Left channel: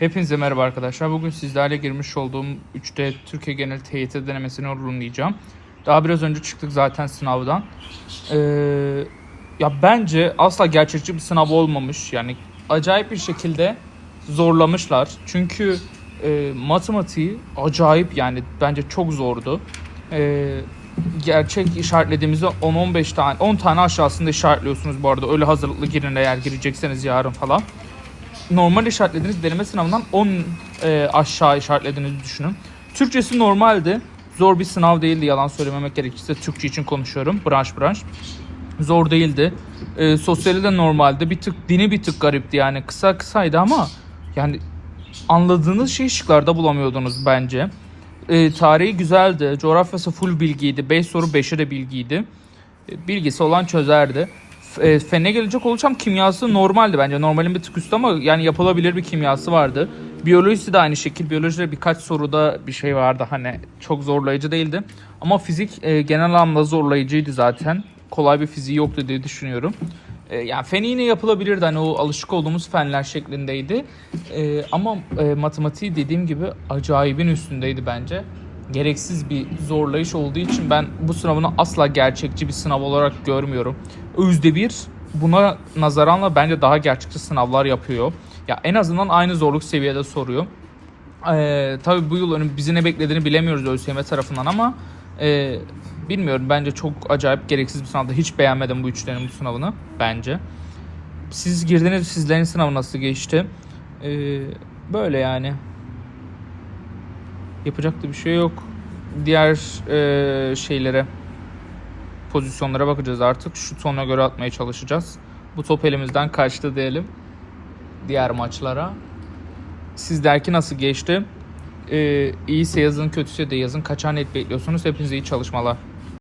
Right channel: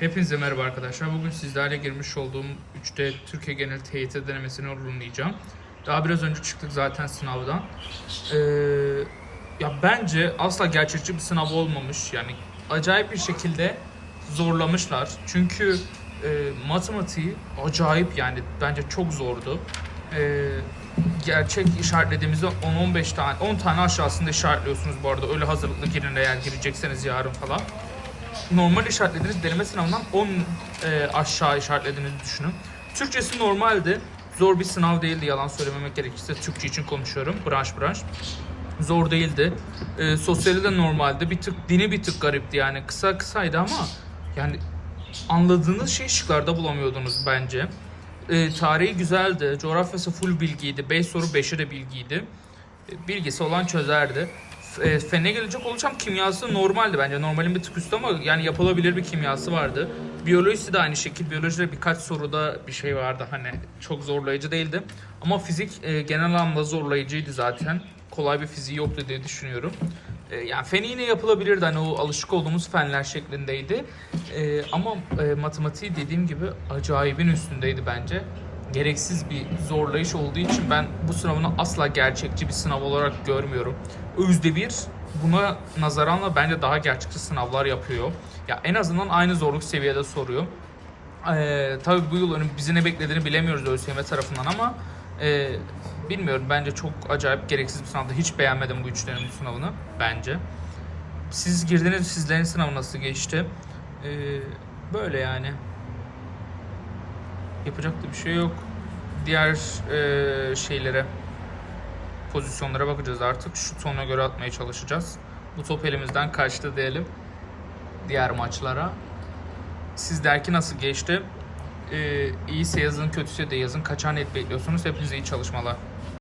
Hepinize merhaba arkadaşlar. Bugün sizlerle girmiş olduğum 3D Türkiye Genel TYT denemesini yorumlayacağım. Daha biraz önce çıktık zaten sınavdan. Ee, ya bence asla gerçekçi bir sınav olmamış. Yani acayip bir şekilde zorlamışlar. Çünkü e, matematiği acayip yani bence çok zordu. Ee, gerçek işaretlediğimizde 10-15 tane 10 tane aşağısında işaretliyorsunuz bu arada. Öyle hazırlıklı girin eğer girecekseniz yarın falan normal işaretlediğiniz deneme sınavından 10 e, aşağı işaretlediğinizi düşünün. Türkçesi normaldi. Zor bir sınav değildi yalan söylememek gerekirse. Türkçe için konuşuyorum branş branş. Zor değildi. E, sosyali de normaldi. Bir tık dini bir tık garipti yani. Kısa kısaydı ama yani anladığınız şeyi şıklarda bulamıyordunuz bence. E, tarihi güzeldi. Coğrafyası full bilgiydi. 5 soru 5'e de bilgiydi. E, Bilgisi olan çözerdi. E, fene gelecek olacağım kimyası normaldi bence. Normalin bir tık üstü ama yani yapılabilir bir kimyası vardı. Biyolojisi de aynı şekilde. Biyolojide birkaç soruda bir şey vardı hani çok zorlayıcı değildi. Ama fizik e, genel anlamda zorlayıcıydı zaten. Kolay bir fiziği yoktu diye düşünüyorum. E, yani fen yine yapılabilirdi hani o alışık olduğumuz fenler şeklindeydi. E, ama e, matematiği dediğim gibi acayibin üstündeydi bence gereksiz bir zorlayış olduğu için ben bu sınavını asla gerçekçi bir sınav olarak görmüyorum. Özde bir buna nazaranla bence daha gerçekçi sınavlar yapıyor. Ya en azından aynı zorluk seviyede soruyor. Ee, tabii bu yıl bizi ne beklediğini bilemiyoruz ÖSYM tarafından ama e, bilmiyorum bence çok acayip gereksiz bir sınavdı. Hiç beğenmedim bu üçlerin bu sınavını bence. Siz girdiniz sizlerin sınavı nasıl geçti? Ee, böyle yani. Yapacak da bir şey yok. Diğer e, şeylere pozisyonlara bakacağız artık. Şu sona göre atmaya çalışacağız. Bu top elimizden kaçtı diyelim. Diğer maçlara. Sizlerki nasıl geçti? Ee, iyiyse yazın, kötüyse de yazın. Kaçar net bekliyorsunuz? Hepinize iyi çalışmalar.